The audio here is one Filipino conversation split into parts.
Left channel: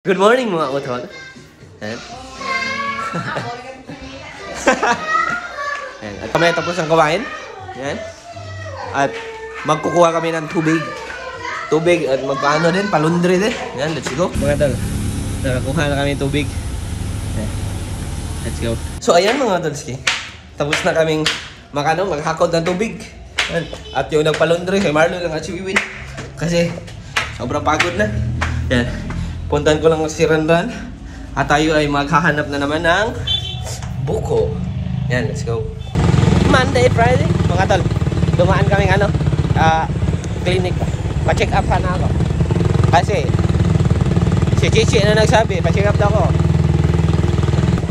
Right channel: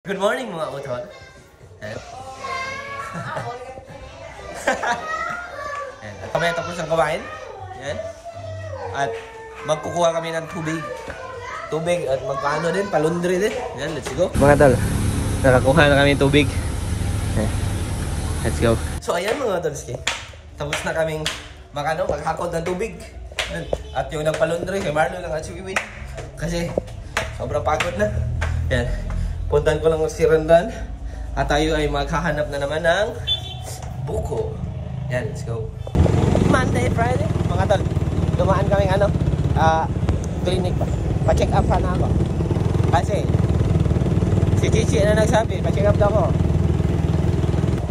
Good morning mga utol. Ayan. Ayan. At kami tapos ang kumain. Ayan. At magkukuha kami ng tubig. Tubig at magpaano din, palundre din. Ayan, let's go. Mga tol, nakakuha na kami ng tubig. Ayan. Let's go. So ayan mga tolski. Tapos na kaming maghakot ng tubig. Ayan. At yung nagpalundre, si Marlon lang at si Wiwin. Kasi sobrang pagod na. Ayan. Puntan ko lang si Randan at tayo ay maghahanap na naman ng buko. Yan, let's go. Monday, Friday, mga tol. Dumaan kaming clinic ba? Pa-check up na ako. Kasi si Chichi na nagsabi, pa-check up daw ako.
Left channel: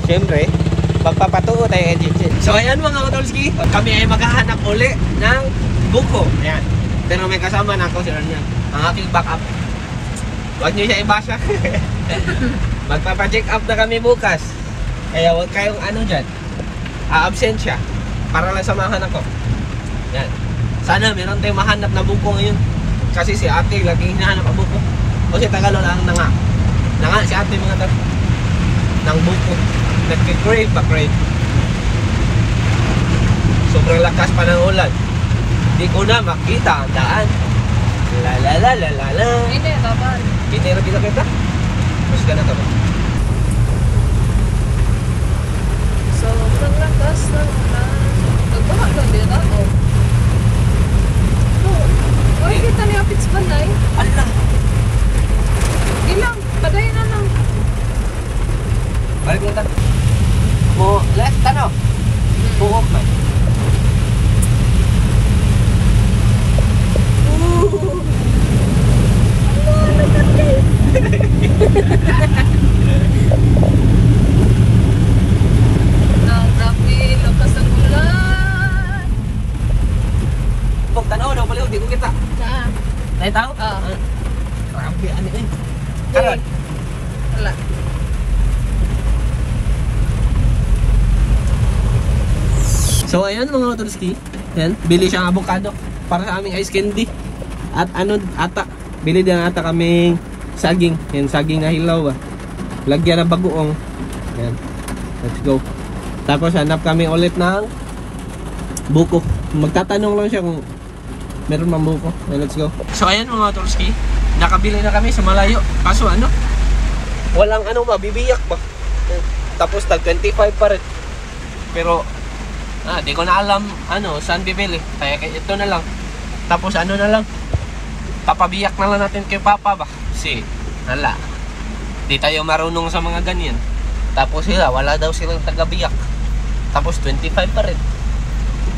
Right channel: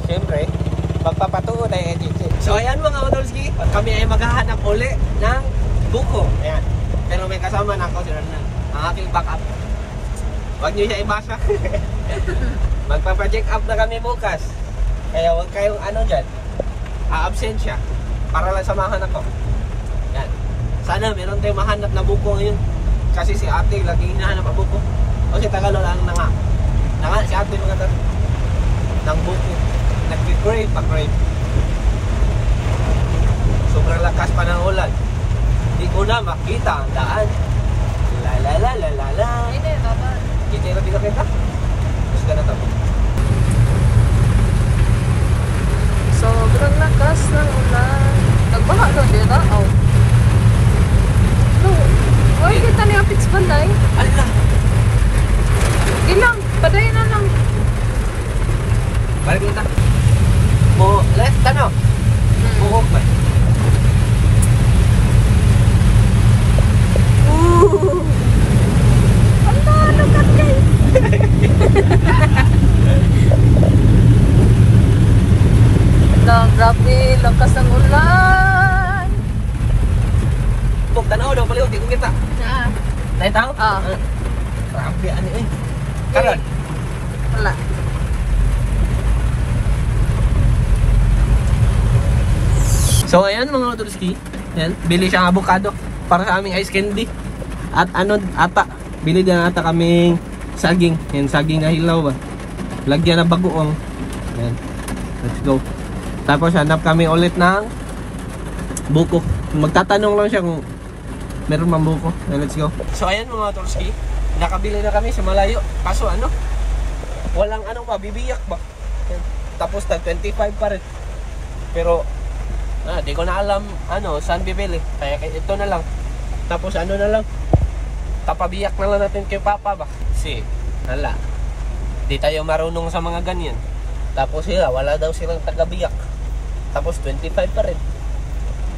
Siyempre, magpapatuo tayo kay Chichi. So ayan mga tolski, kami ay maghahanap uli ng buko. Ayan. Pero may kasama na ako si Randan. Ang aking backup. Huwag nyo siya ibasa. Magpapa-check up na kami bukas. Kaya huwag kayong dyan. A-absent siya. Para lang samahan ako. Yan. Sana meron tayong mahanap na buko ngayon. Kasi si ate laging hinahanap ang buko. O si Tagalog lang na nga. Na nga si ate mga tao. Nang buko. Nag-crave pa crave. Sobrang lakas pa ng ulan. Hindi ko na makita ang daan. La la la la la la. Hindi, babal. Hindi na bila kita. Mas ka na tama. Sobrang lakas na ulan. Nagbaha doon din na. Ay, kita niya pitch ba na eh? Alin lang. Ilang, padayin na lang. Balik kita. Mo left ano? Bukok ba? Grabe, lakas ng ulan. Tuk, tanaw daw pala, hindi ko kita. Tayo tao? Grabe, ano eh. Karon? Wala. So ayan mga Tolski, yan, bili siyang avocado para sa aming ice candy. At bili din ata kaming saging. Yan, saging na hilaw ba. Lagyan ng bagoong. Yan. Let's go. Tapos hanap kami ulit ng buko. Magtatanong lang siya kung meron mang buko. Let's go. So ayan mga Tolski, nakabili na kami sa malayo. Kaso walang mabibiyak ba. Yan. Tapos tag 25 pa rin. Pero di ko na alam saan bibili. Kaya ito na lang. Tapos na lang. Papabiyak na lang natin kay Papa ba. Kasi di tayo marunong sa mga ganyan. Tapos sila, wala daw silang tagabiyak. Tapos 25 pa rin.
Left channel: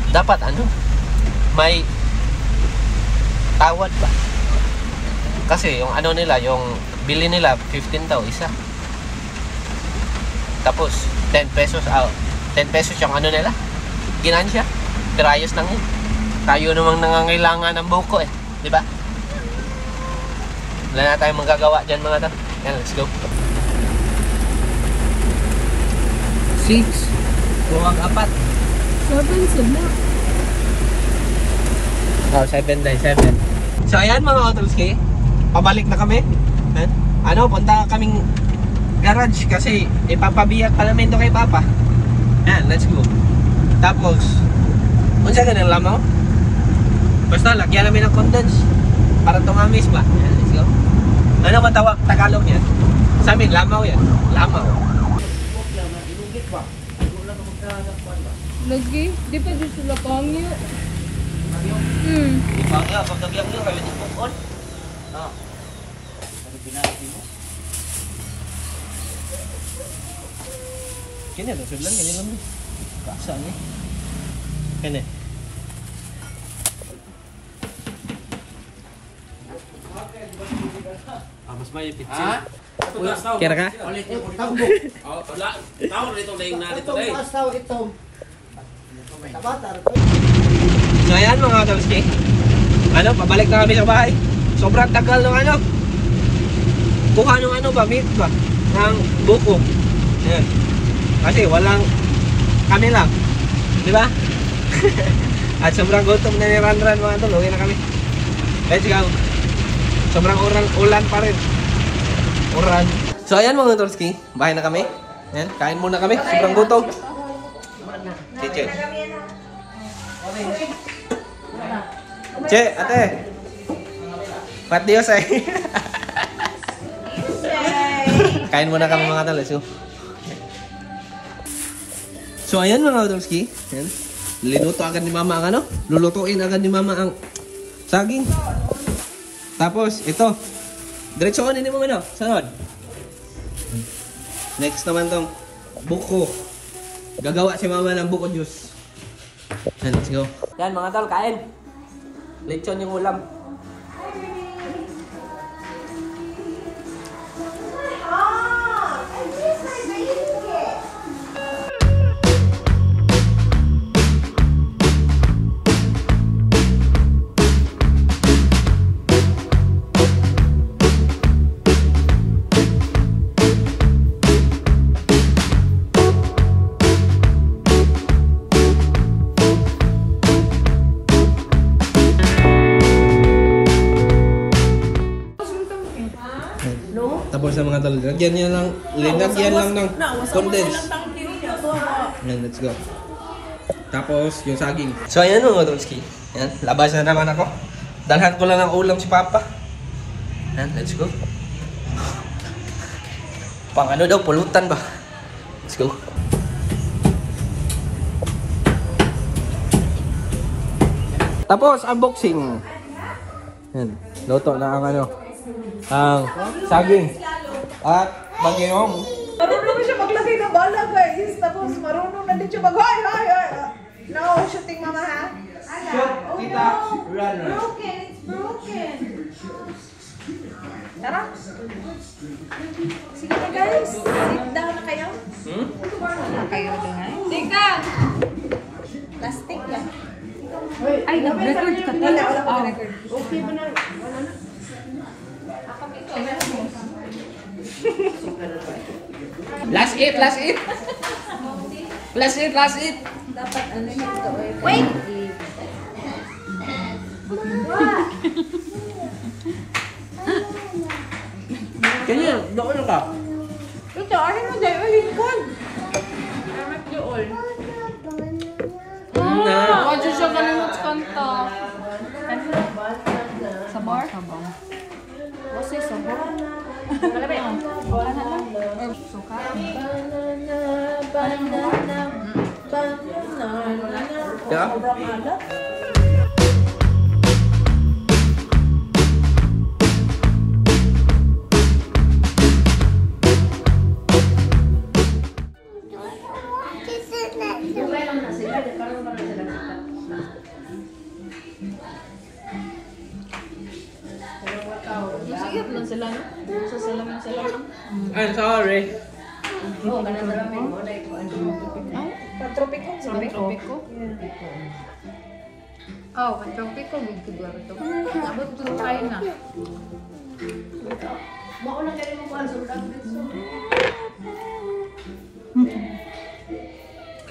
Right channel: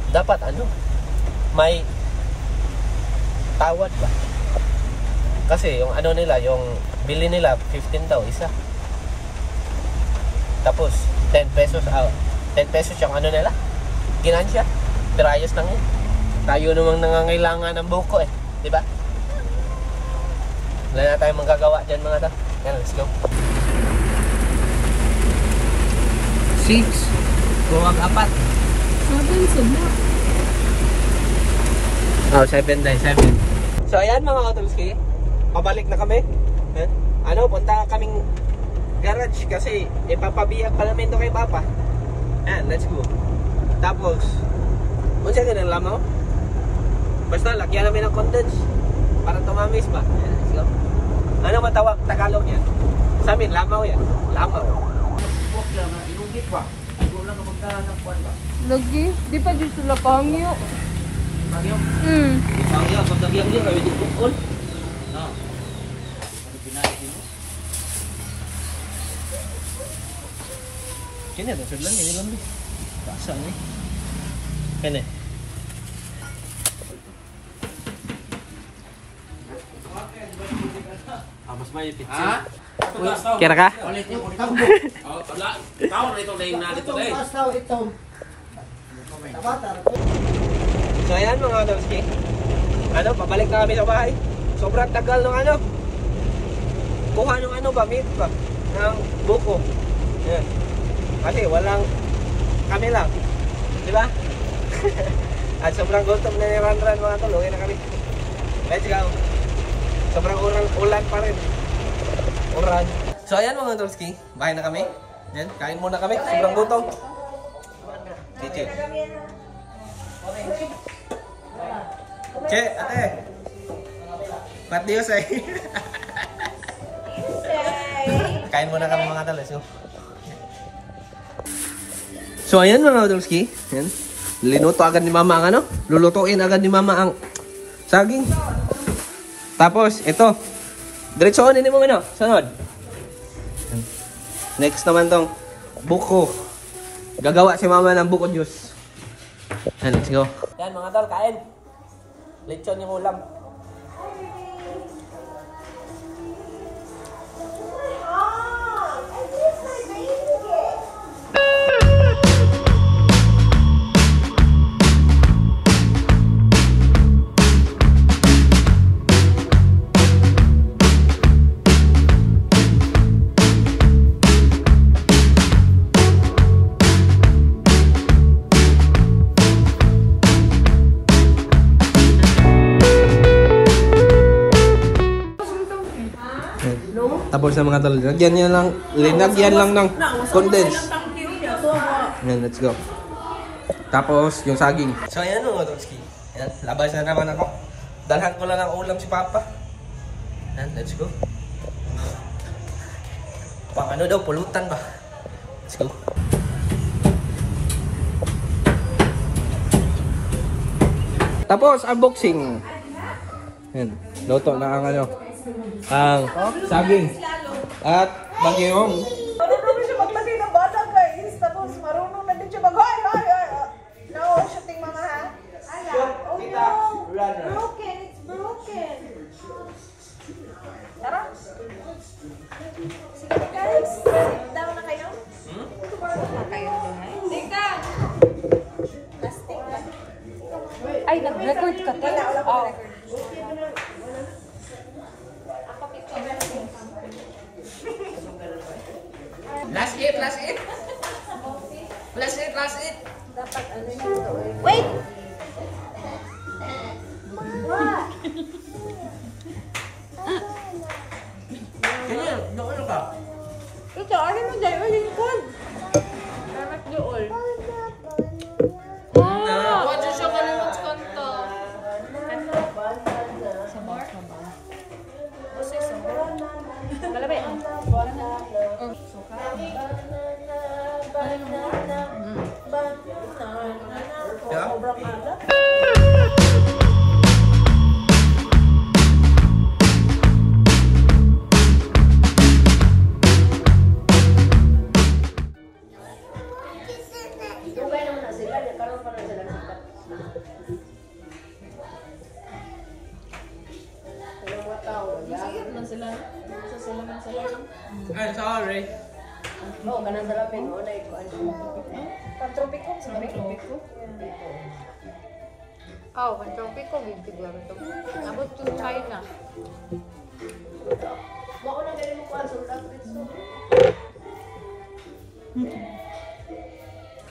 Dapat may tawad ba? Kasi yung nila, yung bili nila 15 daw isa. Tapos 10 pesos 10 pesos yung nila. Ginansya. Pero ayos lang yun. Tayo namang nangangailangan ng buko di ba? Wala na tayong magagawa dyan mga ta. Yan, let's go. 6. Buwag 4. 7 sila. 7 dahil 7. So ayan mga Otolski, pabalik na kami. Punta kaming garage kasi ipapabiyak pa namin ito kay Papa. Yan, let's go. Tapos unsa ka ng lamaw? Basta lagyan namin ng condense para tumamis ba. Yan, let's go. Ano man tawag Tagalog yan? Sa amin, lamaw yan. Lamaw. Lagi, di pa dito sila pangyo. Pangyo? Pangyo, pag nabiyang din, kaya dito bukol. Ano pinakit mo? Kini ito, sudlan, ganyan lang. Kasa niya. Kini. Mas may pitsin. Kira ka? So ayan mga Tolski, pabalik na kami sa bahay. Sobrang tagal ng kuha ng meat ba ng buko. Ayan. Kasi walang kami lang, di ba? At sobrang gutom na ni Ranran mga tol. Uwi na kami. Let's go. Sobrang ulan pa rin. Uran. So ayan mga Tolski, bahay na kami. Ayan, kain muna kami. Sobrang gutom. Che. Che, ate. Pat Dios ay. Kain muna kami mga tol. Let's go. So ayan mga Tolski. Ayan. Linuto agad ni mama ang ano. Lulutuin agad ni mama ang saging. Tapos ito. Diretsoon ini mo mino. Sunod. Next naman tong buko. Gagawa si mama ng buko juice. Yan, let's go. Yan mga tol, kain. Lechon yung ulam. Tapos sa mga tol, lagyan lang ng condense. Yan, let's go. Tapos yung saging. So ayan mga tolski. Yan, labas na naman ako. Dalhan ko lang ng ulam si Papa. Yan, let's go. Pang ano daw, pulutan ba? Let's go. Tapos unboxing. Yan, luto na ang ano. Ang saging at bagayong. Marunong na siya maglagay ng bala, guys. Tapos marunong na din siya mag-hoy, hoy, hoy. No, shooting mama, ha? Shoot, kita, run. Broken, it's broken. Tara. Sige na, guys. Sit down na kayo. Na kayo na, guys. Tika! Plastic lang. Ay, nag-record ka. Wala ko record. Okay mo na. Last it, last it. Last it, last it. Dapat ano yung ito eh. Wait! Kaya, doon ka. Ito, alin mo dahil ulikod. Amat niyo all. Wadyo siya kalimot kanta. Sabor? What's it, sabor? Yeah. Sobrang alat. I'm sorry. Pantropiko siguro. Pantropiko? Oh, pantropiko mo siguro ito. Abot ito tayo na.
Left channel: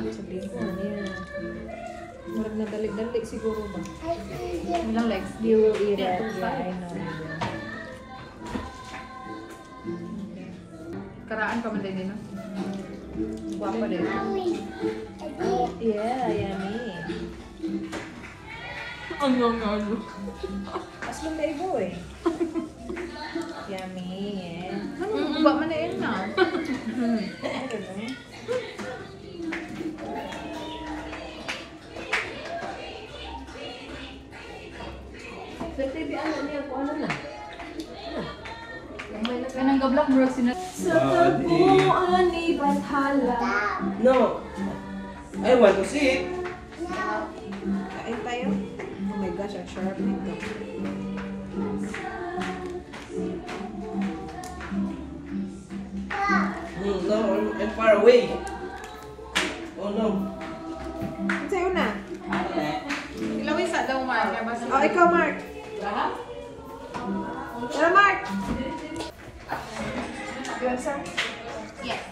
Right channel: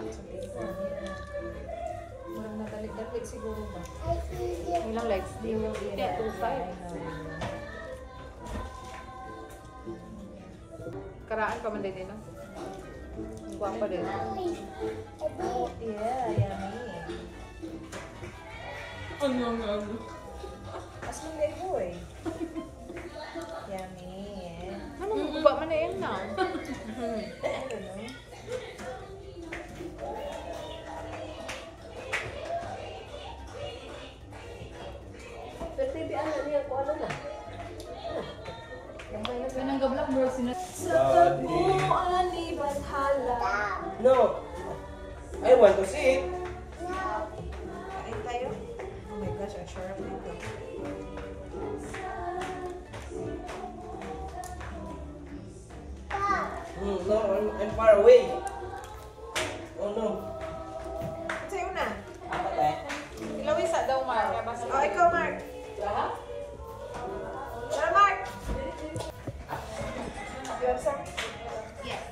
Sabihin ko ano yan. Marag na dalik-dalik siguro ba? Ano Lex? You will eat it. Yeah, I know you will. Karaan ka man din, no? Wapa din. Yeah, yummy. Ano? As man na ibo eh. Yummy, yeah. Ano? Ba man na yun na? I don't know. Sa TV, ano niya po, ano na? Kanang gablak mo sina... Sa tagpuan ni Bathala. No. I want to see it. Kain tayo? Oh my gosh, ang sharp nito. No, I'm far away. Oh no. Sa'yo na. Lawis sa daw nga. Oh, ikaw, Mark. Tara, Mark. Yes, sir. Yes.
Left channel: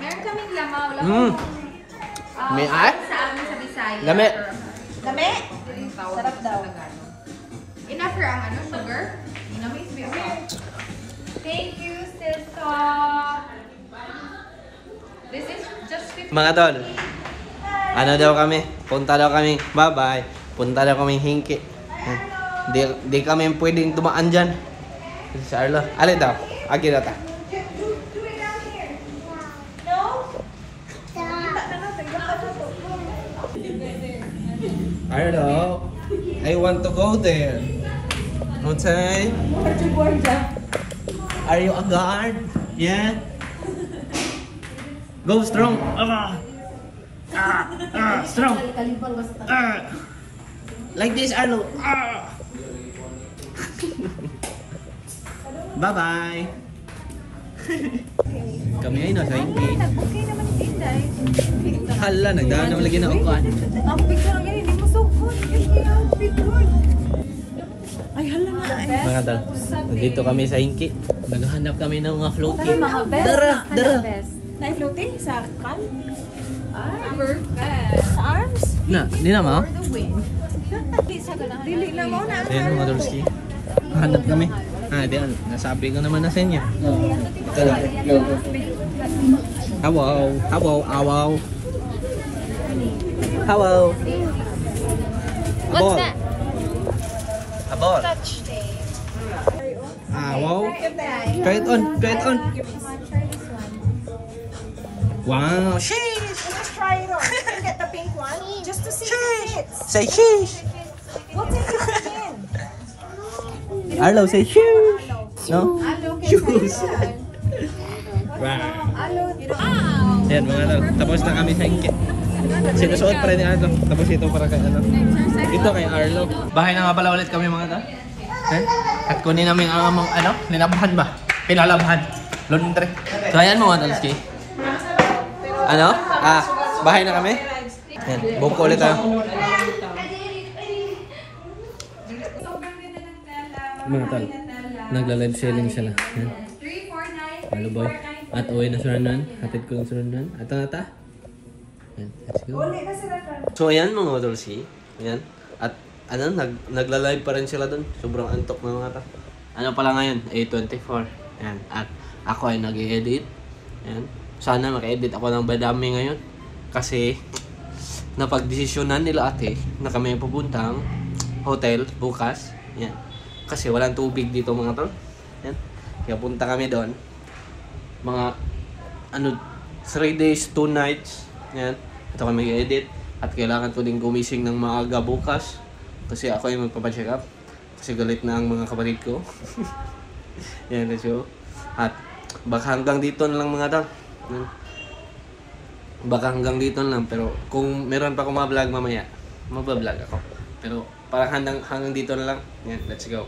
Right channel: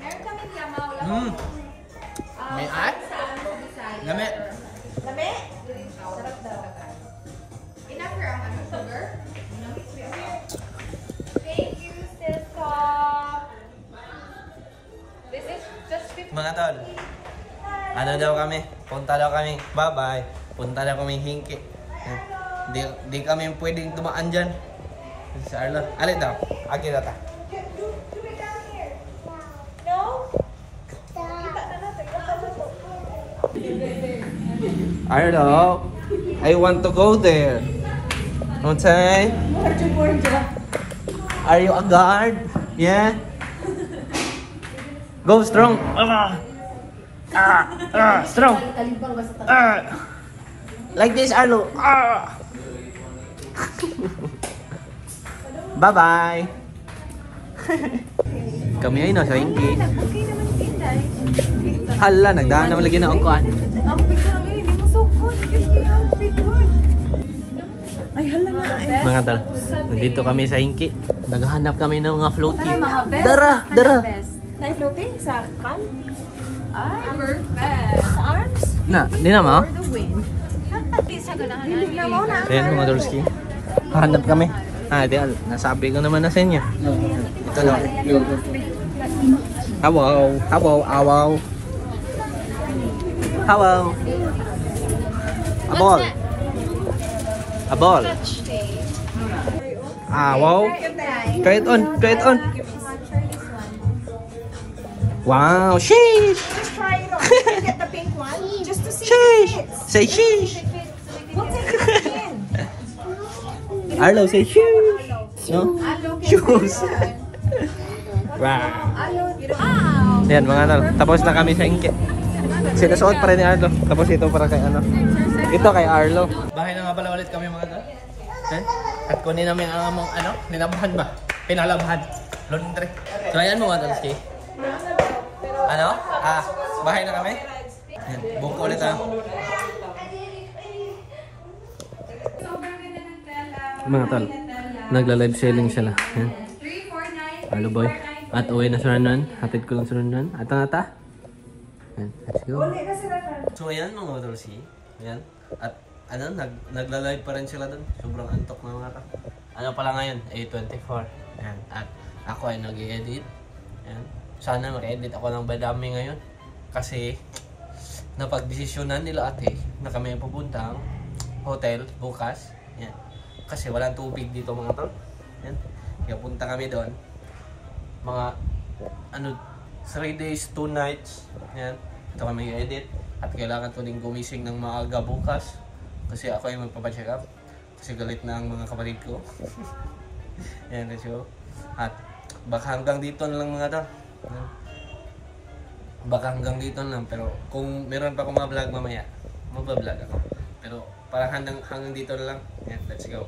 Meron kaming lamaw. May at? Sa amin sa Bisaya. Lami. Dami? Sarap daw. Enough for ang ano, sugar? Enough is Thank you, still Mga tol, ano daw kami? Punta daw kami. Bye-bye. Punta daw kami hingki. Di kami pwedeng dumaan dyan. Si Arlo. Alin daw? Agi daw ta. Arlo, I want to go there. Okay? Are you a guard? Yeah? Go strong. Strong. Like this, Arlo. Bye-bye. Kami ay nasa hingki. Okay naman yung Inday. Hala, nagdaan naman lagi na ukuan. Ang picture lang yun, hindi mo sukot. Ay, hala na. Mga tal, dito kami sa hingki. Naghahanap kami ng mga floating. Mga best. Dara. Na-floating sa kan? Sa arms? Na, di na mo? The wind. Dili na mo na. Ayan mga Dolski. Hanap kami. Di, nasabi ko naman na sa inyo. Awaw. Abol. Abol. Awaw. Try it on. Wow, sheesh. Just try it on. Get the pink one. Just to see Sheesh. if it fits. Say sheesh. We'll take it in. Arlo, say shoes. No? Shoes. Wow. Wow. Yan mga ano, tapos na kami sa hingki. Sinusuot pa rin ni Arlo. Tapos ito para kang ano. Ito kay Arlo. Bahay na nga pala ulit kami mga ta. At kunin namin ang among ano, nilabhan ba? Pinalabhan. Laundry. So ayan mga Talski. Ano? Bahay na kami. Yan, buko ulit tayo. Mga tal, nagla-live selling sila. Yan. Hello boy. At uwi na sa Randan. Hatid ko lang sa Randan. At ang ata. Yan, let's go. So ayan mga Dolsi. Ayan. At ano, nagla-live pa rin sila doon. Sobrang antok na mga ta. Ano pala ngayon? 8:24. Ayan. At ako ay nag-i-edit. Ayan. Sana maka-edit ako ng badami ngayon. Kasi napagdesisyonan nila ate na kami pupuntang hotel bukas. Yan. Kasi walang tubig dito mga tol. Yan. Kaya punta kami doon. Mga 3 days, 2 nights. Yan. Ito kami mag-edit. At kailangan ko din gumising ng maaga bukas. Kasi ako ay magpapacheck up. Kasi galit na ang mga kapatid ko. Yan, let's go. At baka hanggang dito na lang mga tol. Baka hanggang dito lang, pero kung meron pa akong mga vlog mamaya, magbablog ako. Pero parang hanggang dito na lang. Yan, let's go.